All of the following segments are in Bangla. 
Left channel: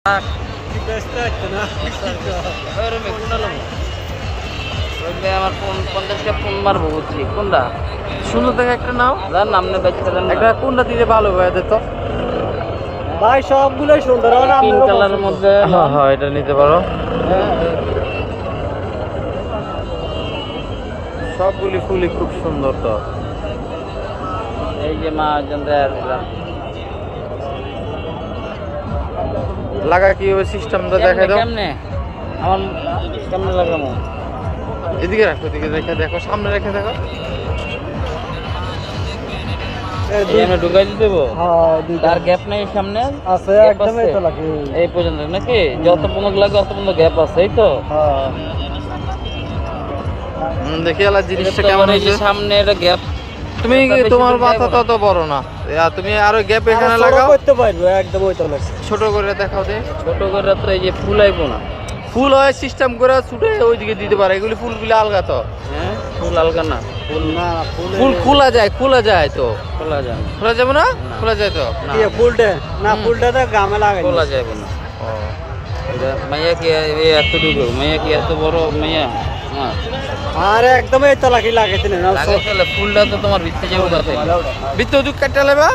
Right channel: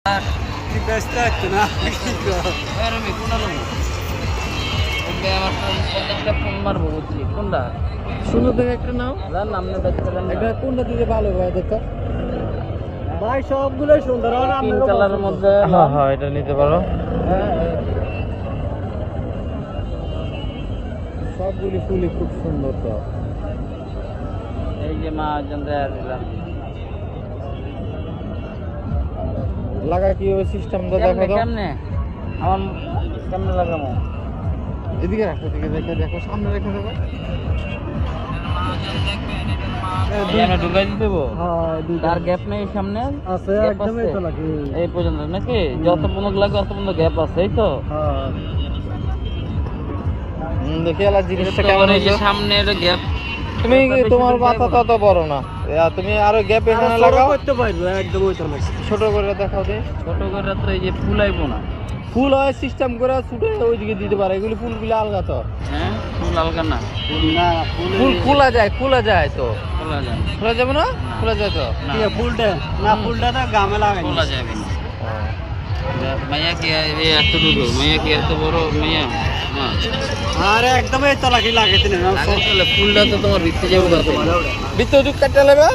ব্যস্ত হচ্ছে না আমার ফোন কন্ট্যাক্টে ফোন মারবো বুঝছি কোনটা সুন্দর দেখে একটা নাও যার নামনে বেচছিলেন একটা কোনটা দিলে ভালো হয়ে যেত ভাই সবগুলোই সুন্দর পিঙ্ক কালারের মধ্যে হ্যাঁ এটা নিতে পারো সবগুলি ফুলই খুব সুন্দর তো এই যে মা লাগা কিভাবে সিস্টেমটা দেখাই দাও কেমনে আমার কেমনে লাগানো এদিকে রাখো এদিকে রেখে দেখো সামনে রেখে দেখো ঢুকাই দিতে দেবো তার গ্যাপ নেই সামনে আছে একদম এই তো লাগে এই পর্যন্ত নাকি যত পর্যন্ত লাগে তত পর্যন্ত গ্যাপ আছে এই তো দেখি আলা জিনিসটা কেমন হয়েছে সামনে একটা গ্যাপ তুমি তোমার মাথা তত বড় না তুমি আরো গ্যাপ এখানে লাগাও করতে পারবো একদম ওইটা না ছোট করে দেখাও দে ছোট করে তো এই যে ফুল আইকো না ফুল হয় সিস্টেম করে ছুটে ওইদিকে দিতে পারে এগুলি ফুলগুলি আলগা তো হ্যাঁ ফুল আলগা না না ফুল খোলা যায় তো খোলা যায় খোলা যাবে না খোলা যায় তো কি ফুলটা না ফুলটা তো গামে লাগাই খোলা যাবে না মাইয়া কি এত দূর মাইয়া কি এত বড় মাইয়া হ্যাঁ আর একদম এই তলাকি লাগাইতে না ফুলটা তো তোমার দিতে যাবে না বিদ্যুৎ কাটতে নেবে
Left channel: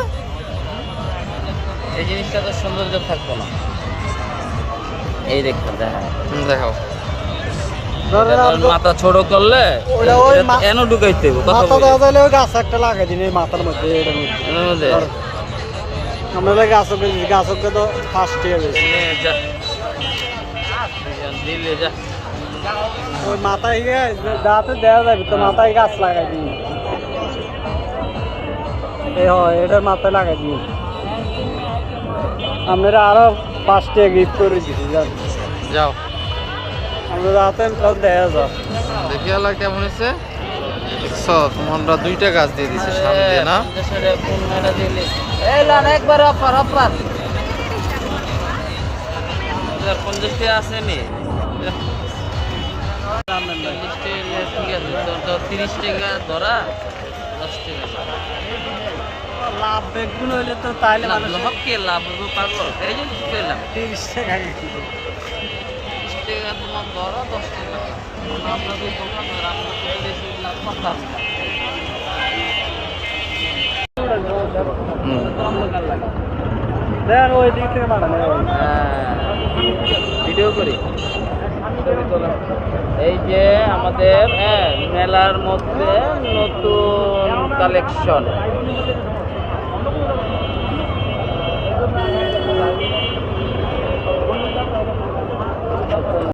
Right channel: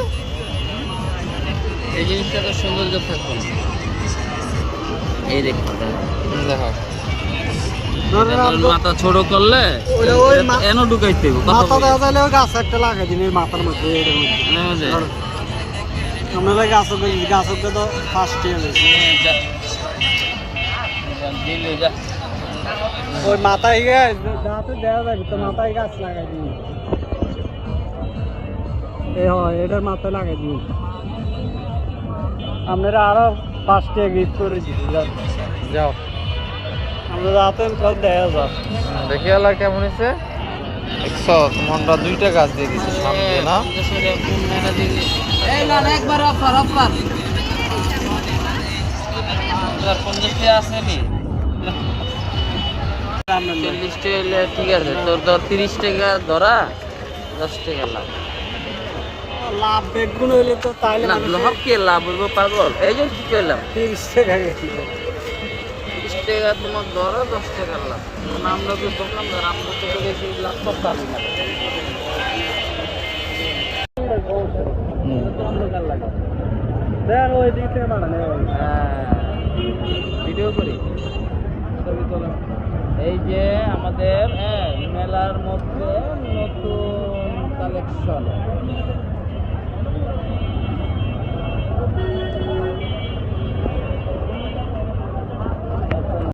এই জিনিসটা তো সৌন্দর্য থাকবে না এই দেখতে দেখাও মাথা ছোট করলে কেন ঢুকাইতে মাথা দেওয়া তাহলে গাছ একটা লাগাই দিন মাথার মধ্যে আমরা গাছের তো ফার্স্ট হয়ে গেছে দিলে যা ওই মাথায় দাঁতে দেওয়া যাবে তো মাথায় গাছ লাগাই দিই এই হয় এটার মাথায় লাগাই দিই আমরা আরো 5টা গিফট করে দিচ্ছি যাও আমরা রাতে সব দেওয়া যাও দেখি আলা কেমন হয়েছে দেখছো আমরা 2টা গাছ দিয়ে দিছি সামনে না এই লান একবার আপার 50 আছে নি 40 টাকা ঠিক আছে তোর 30 টাকা ধরা 10 টাকা লাভ লাভ বেগুন হইলে তো তাইলে না লাভ কি লাভ হইব পারবো এই যে কইলাম 30 টাকা গেছিল 30 টাকা তোমার ধরা 10 টাকা লাভ আমরা তো দোকানদার আমরা তো বেশি লাভ করতাম না দেন ওই দিক থেকে মানে ভিডিও করি এই যে আমাদের মেলার মধ্যে নতুন কালেকশন